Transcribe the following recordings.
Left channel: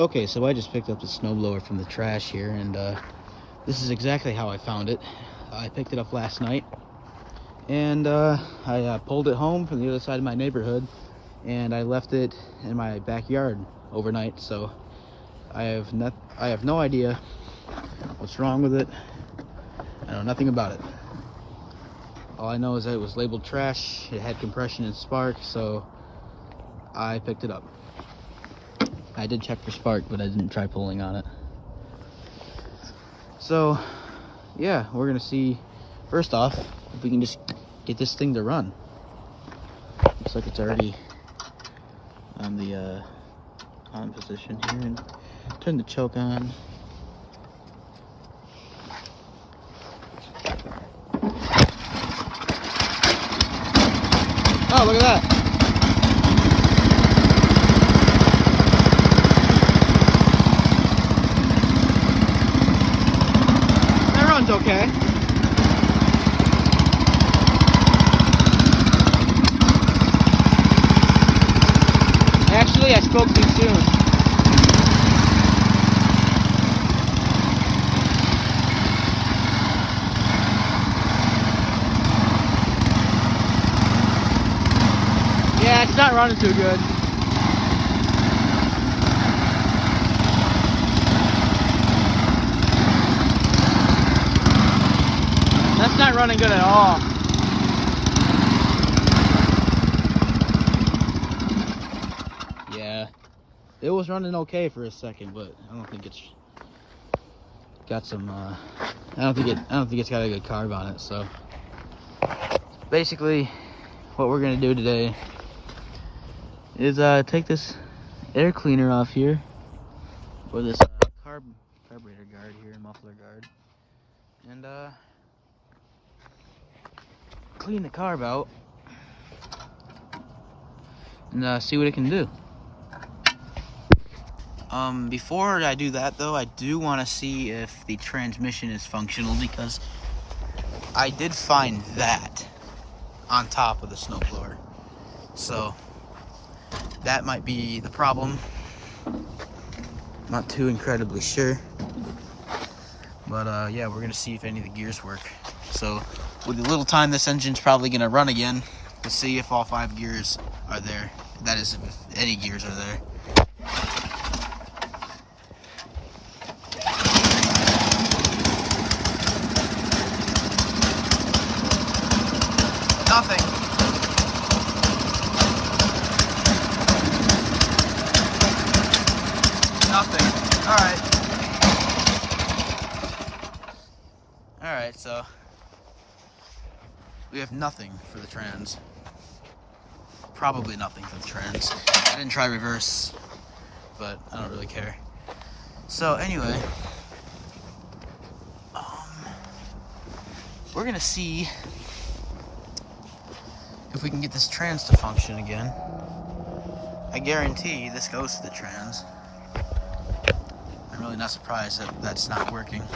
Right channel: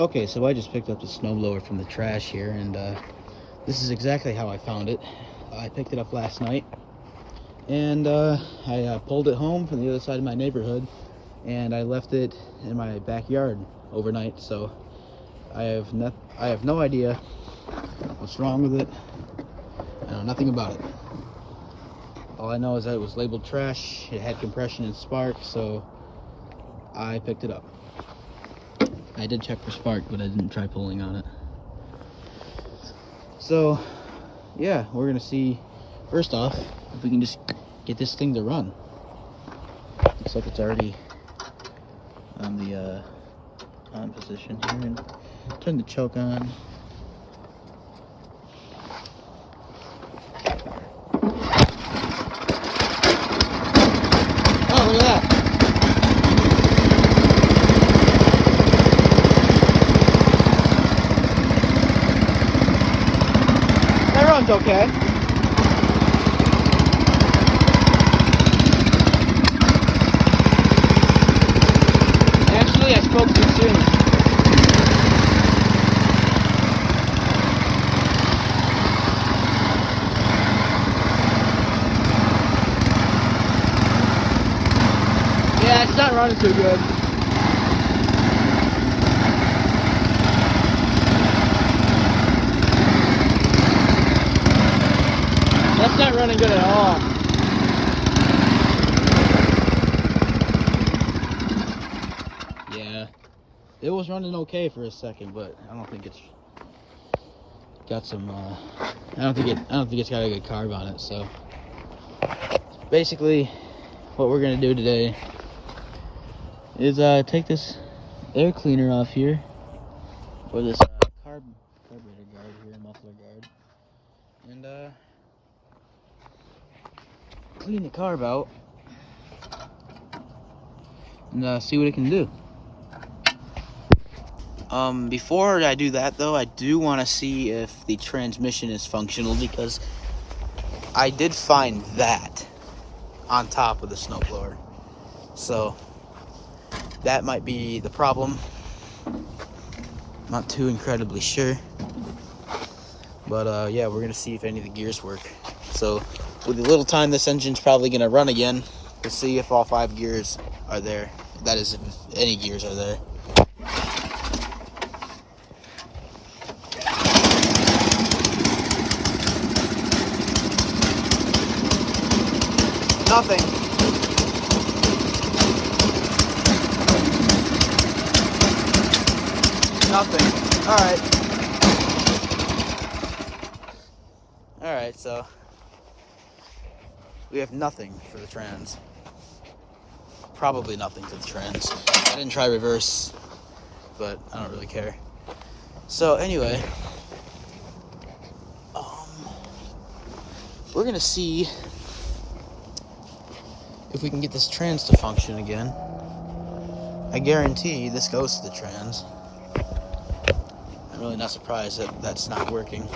Okay, so I just picked up the snowblower from the trash here, and this is exactly how I found it. I picked it up last night, and I pulled it home from the other side of my neighborhood, and I left it in my backyard overnight. So I have no idea what's wrong with it. I know nothing about it. All I know is that it was labeled trash. It had compression and spark, so I picked it up. I did check for spark, but I didn't try pulling on it. So yeah, we're gonna see first off if we can just get this thing to run. Looks like it's already on the on position here, and turn the choke on. Oh, look at that. That runs okay. Actually, I spoke too soon. Yeah, it's not running too good. That's not running good at all. Yeah, it was running okay for a second, but I don't think it's got some. I don't think it's got a good carb on it. So basically, what we're gonna do today is take this air cleaner off here, or this carburetor guard here, muffler guard, and clean the carb out and see what it can do. Before I do that though, I do want to see if the transmission is functional, because I did find that on top of the snowblower, so that might be the problem. Not too incredibly sure, but yeah, we're gonna see if any of the gears work. So with the little time this engine's probably gonna run again, we'll see if all 5 gears are there. That is, if any gears are there. Nothing. Nothing. Alright, so we have nothing for the trans. Probably nothing for the trans. I didn't try reverse, but I don't really care. So anyway, we're gonna see if we can get this trans to function again. I guarantee this goes to the trans. I'm really not surprised that that's not working.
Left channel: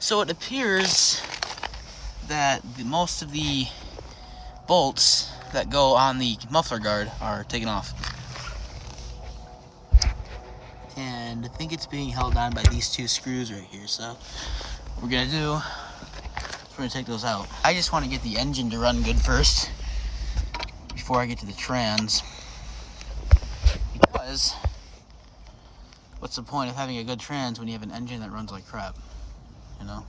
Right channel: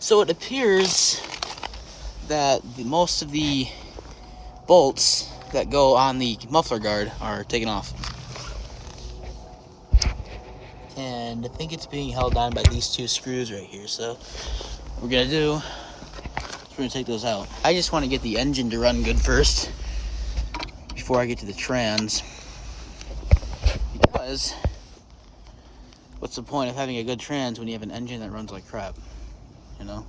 So it appears that most of the bolts that go on the muffler guard are taken off. And I think it's being held on by these 2 screws right here. So what we're gonna do, we're gonna take those out. I just want to get the engine to run good first before I get to the trans, because what's the point of having a good trans when you have an engine that runs like crap, you know?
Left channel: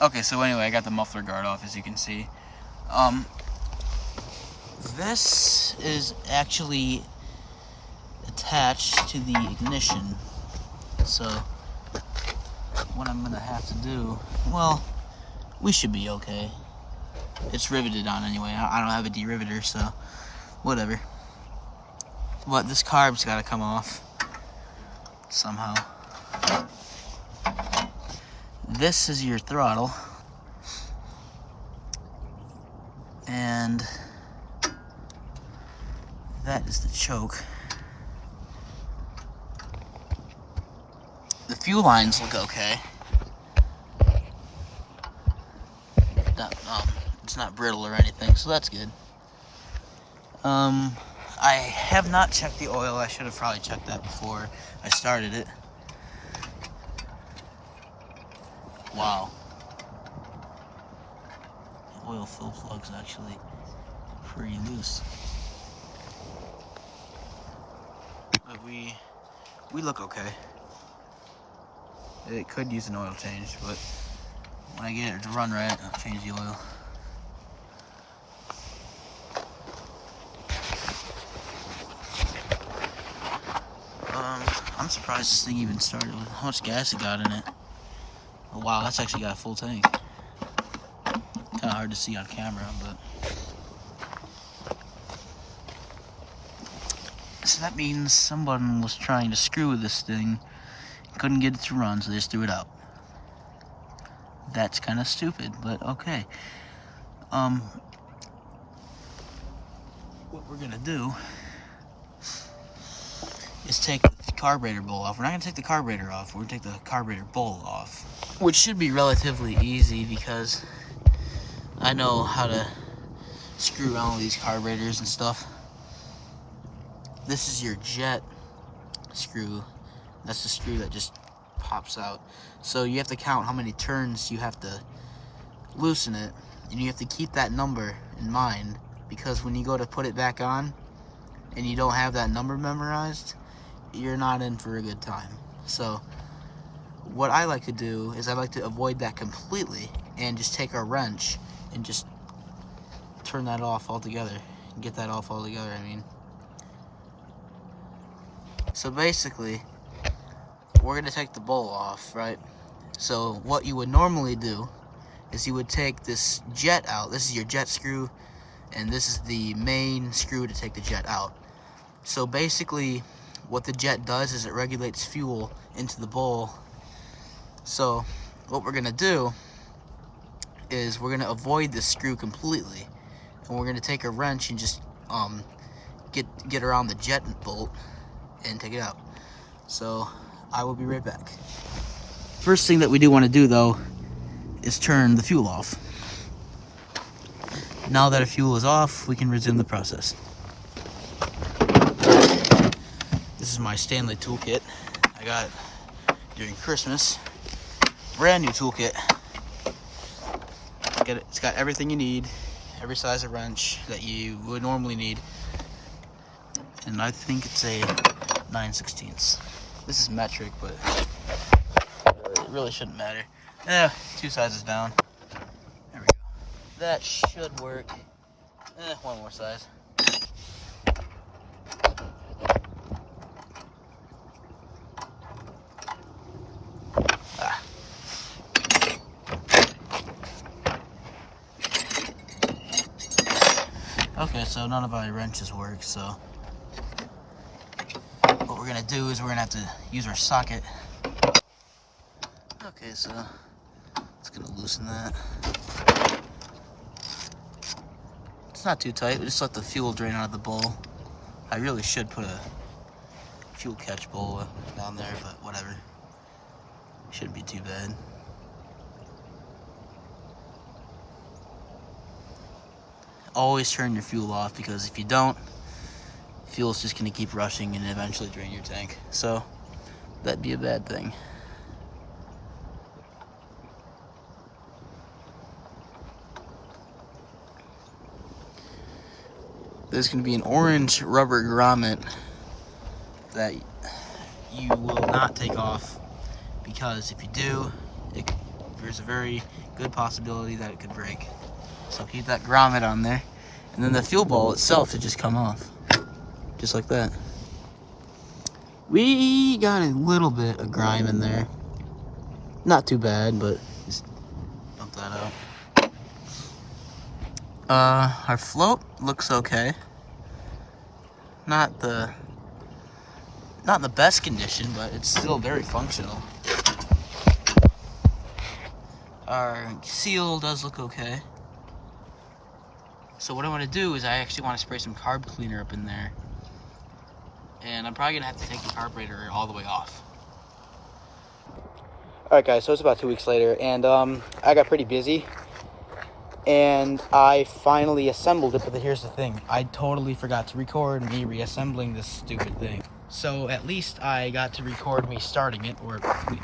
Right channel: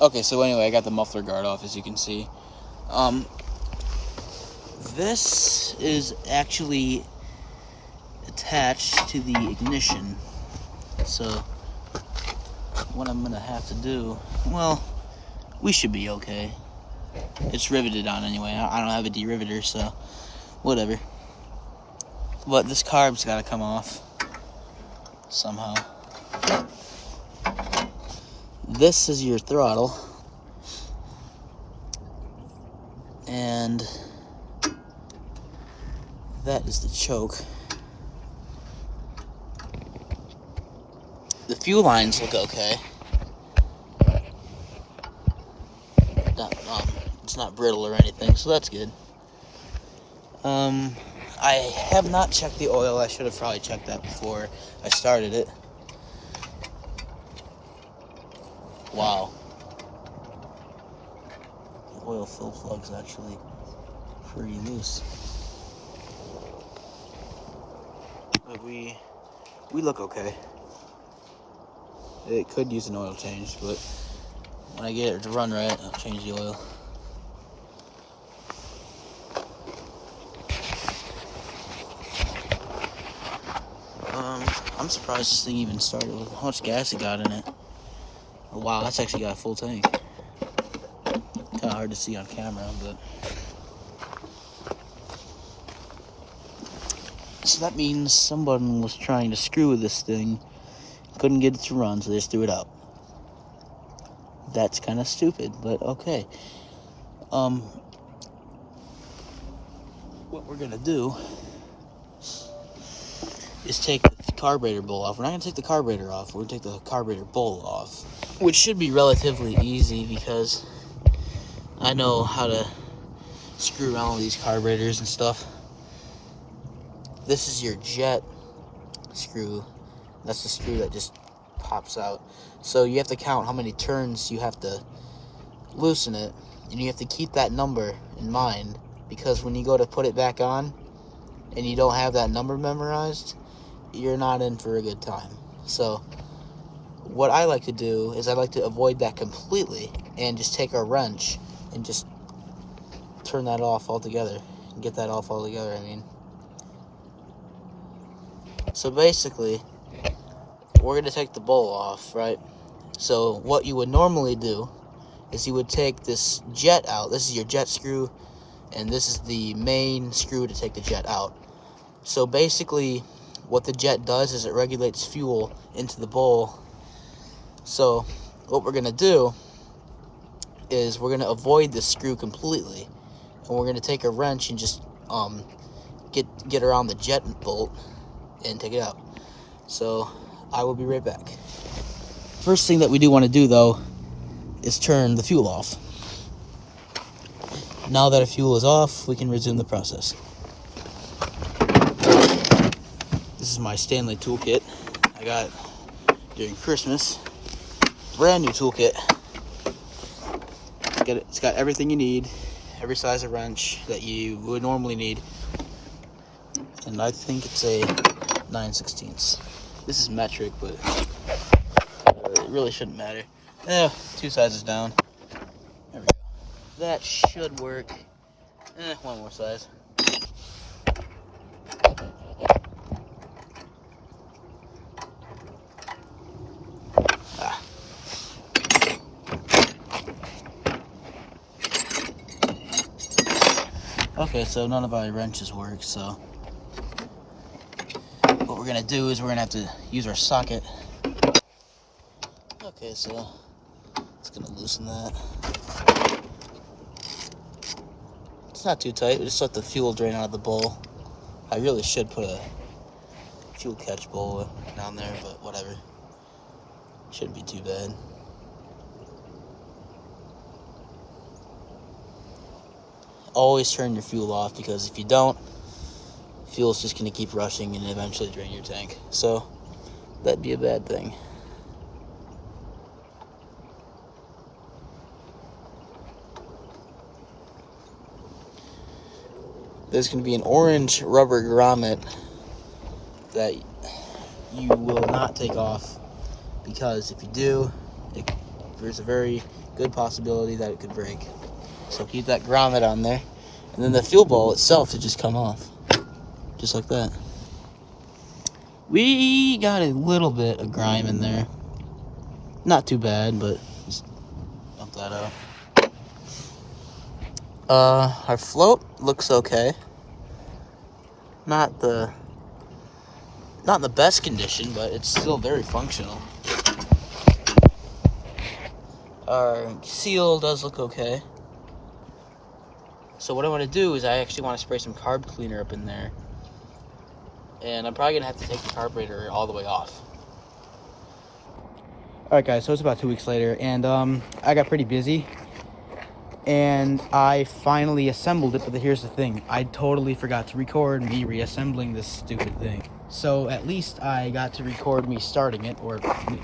Okay, so anyway, I got the muffler guard off, as you can see. This is actually attached to the ignition. So what I'm gonna have to do, well, we should be okay. It's riveted on anyway. I don't have a deriveter, so whatever. But this carb's gotta come off somehow. This is your throttle, and that is the choke. The fuel lines look okay. It's not brittle or anything, so that's good. I have not checked the oil. I should have probably checked that before I started it. Wow. The oil fill plug's actually pretty loose. But we look okay. It could use an oil change, but when I get it to run right, I'll change the oil. I'm surprised this thing even started with how much gas it got in it. Oh, wow, that's actually got a full tank. Kind of hard to see on camera, but so that means someone was trying to screw with this thing, couldn't get it to run, so they just threw it out. That's kind of stupid, but okay. What we're gonna do is take the carburetor bowl off. We're not gonna take the carburetor off. We're gonna take the carburetor bowl off, which should be relatively easy because I know how to screw around with these carburetors and stuff. This is your jet screw. That's the screw that just pops out. So you have to count how many turns you have to loosen it, and you have to keep that number in mind, because when you go to put it back on and you don't have that number memorized, you're not in for a good time. So what I like to do is I like to avoid that completely and just take a wrench and just turn that off altogether, get that off altogether, I mean. So basically, we're gonna take the bowl off, right? So what you would normally do is you would take this jet out. This is your jet screw, and this is the main screw to take the jet out. So basically, what the jet does is it regulates fuel into the bowl. So what we're gonna do is we're gonna avoid this screw completely, and we're gonna take a wrench and just get around the jet bolt and take it out. So I will be right back. First thing that we do want to do though is turn the fuel off. Now that our fuel is off, we can resume the process. This is my Stanley toolkit I got during Christmas. Brand new toolkit. It's got everything you need, every size of wrench that you would normally need. And I think it's a 9/16. This is metric, but it really shouldn't matter. 2 sizes down. There we go. That should work. One more size. Okay, so none of our wrenches work, so what we're gonna do is we're gonna have to use our socket. Okay, so it's gonna loosen that. It's not too tight, we just let the fuel drain out of the bowl. I really should put a fuel catch bowl down there, but whatever. Shouldn't be too bad. Always turn your fuel off, because if you don't, fuel's just gonna keep rushing and eventually drain your tank. So that'd be a bad thing. There's gonna be an orange rubber grommet that you will not take off, because if you do, there's a very good possibility that it could break. So keep that grommet on there, and then the fuel bowl itself should just come off, just like that. We got a little bit of grime in there, not too bad, but just dump that out. Our float looks okay. Not the best condition, but it's still very functional. Our seal does look okay. So what I want to do is I actually want to spray some carb cleaner up in there. And I'm probably going to have to take the carburetor all the way off. Alright guys, so it's about 2 weeks later, and I got pretty busy, and I finally assembled it. But here's the thing, I totally forgot to record me reassembling this stupid thing. So at least I got to record me starting it, or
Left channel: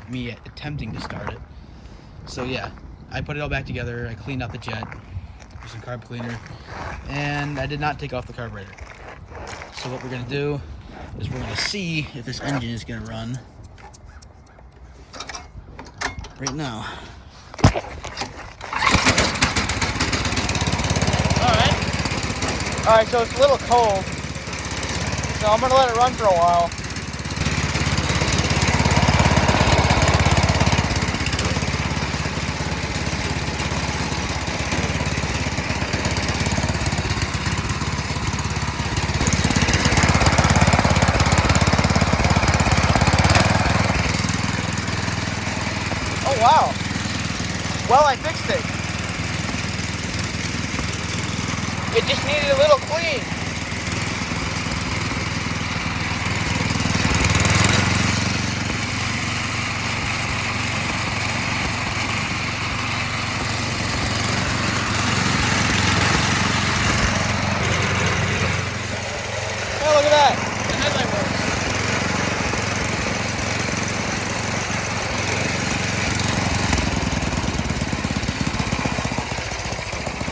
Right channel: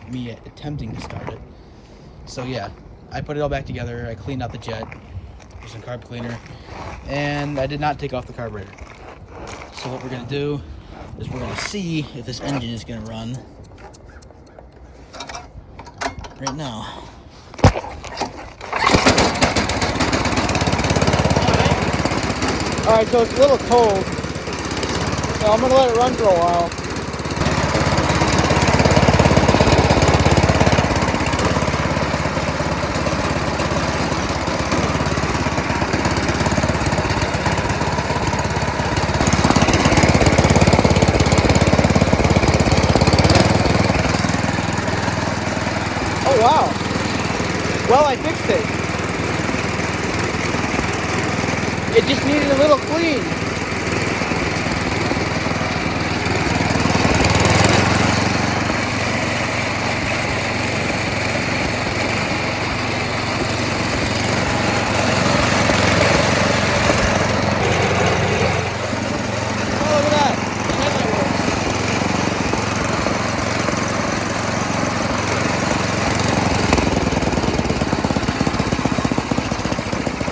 me attempting to start it. So yeah, I put it all back together, I cleaned out the jet with some carb cleaner, and I did not take off the carburetor. So what we're gonna do is we're gonna see if this engine is gonna run right now. Alright, so it's a little cold, so I'm gonna let it run for a while. Oh wow! Well, I fixed it. It just needed a little clean.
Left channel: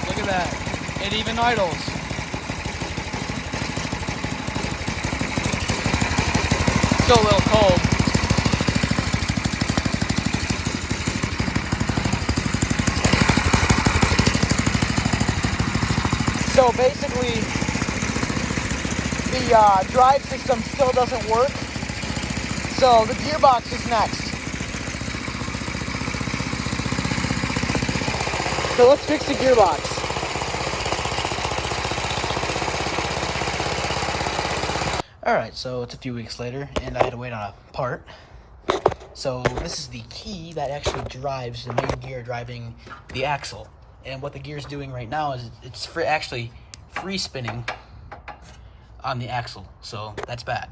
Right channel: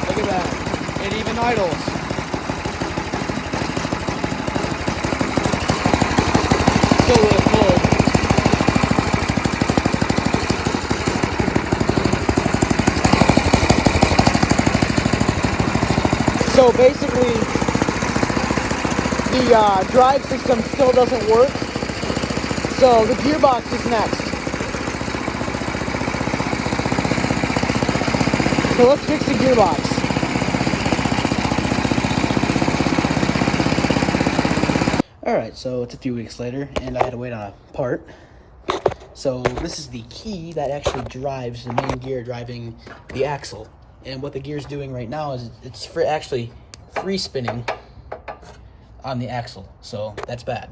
Look at that. It even idles. Still a little cold. So basically, the drive system still doesn't work. So the gearbox is next. So let's fix the gearbox. Alright, so it's a few weeks later, and I had to wait on a part. So this is the key that actually drives the main gear driving the axle. And what the gear's doing right now is it's actually free spinning on the axle. So that's bad.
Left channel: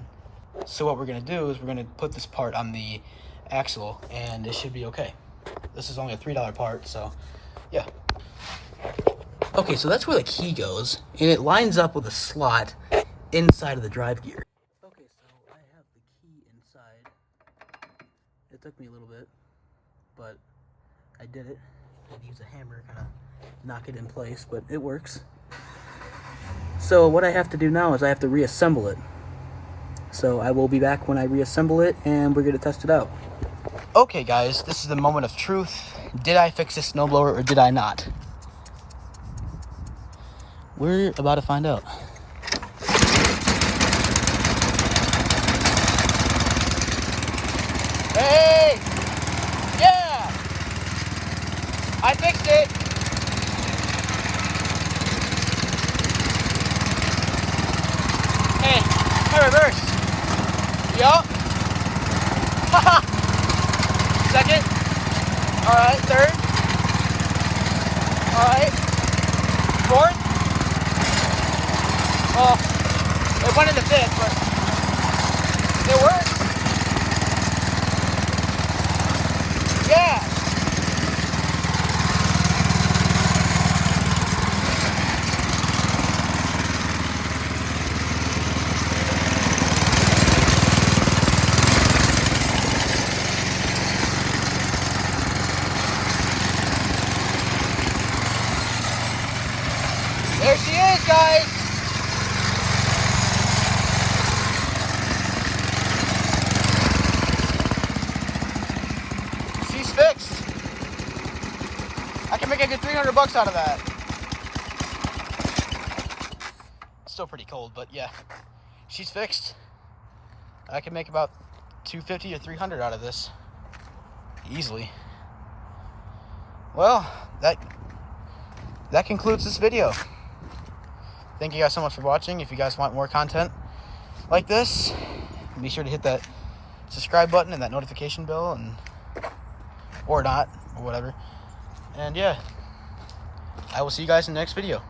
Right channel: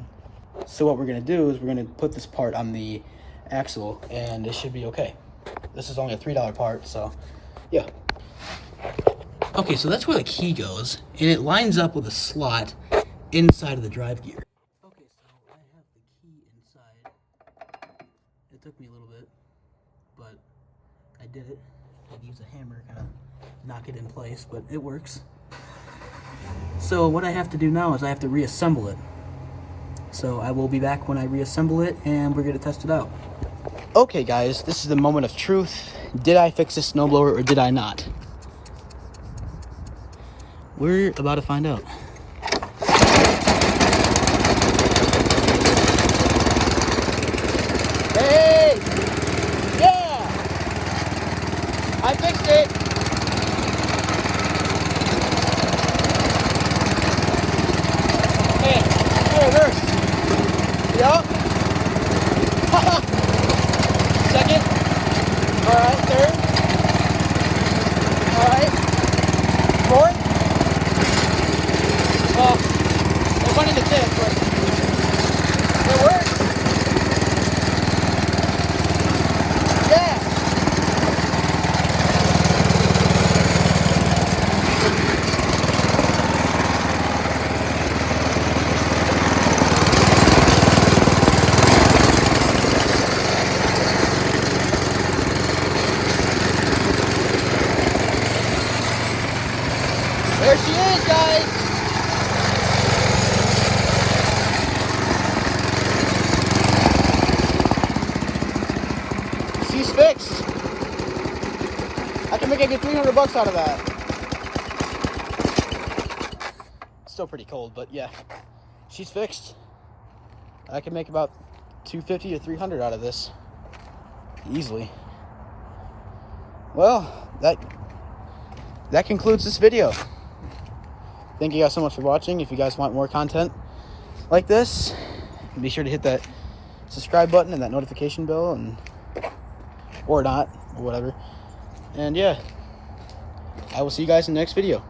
So what we're going to do is we're going to put this part on the axle, and it should be okay. This is only a $3 part, so yeah. Okay, so that's where the key goes, and it lines up with a slot inside of the drive gear. Okay, so I have the key inside. It took me a little bit, but I did it. I had to use a hammer to kind of knock it in place, but it works. So what I have to do now is I have to reassemble it. So I will be back when I reassemble it, and we're going to test it out. Okay guys, this is the moment of truth. Did I fix this snowblower or did I not? We're about to find out. Hey! Yeah! I fixed it! Okay, my reverse. Yup. Second. Alright, third. Alright. Fourth. It went in the fifth. It works. Yeah. There she is, guys. She's fixed. I can make a good $300 out of that. It's still pretty cold, but yeah, she's fixed. I can make about $250 to $300 out of this easily. Well, that concludes this video. Thank you guys so much for watching. If you guys want more content like this, be sure to hit that subscribe button and that notification bell, and or not, or whatever. And yeah, I will see you guys in the next video.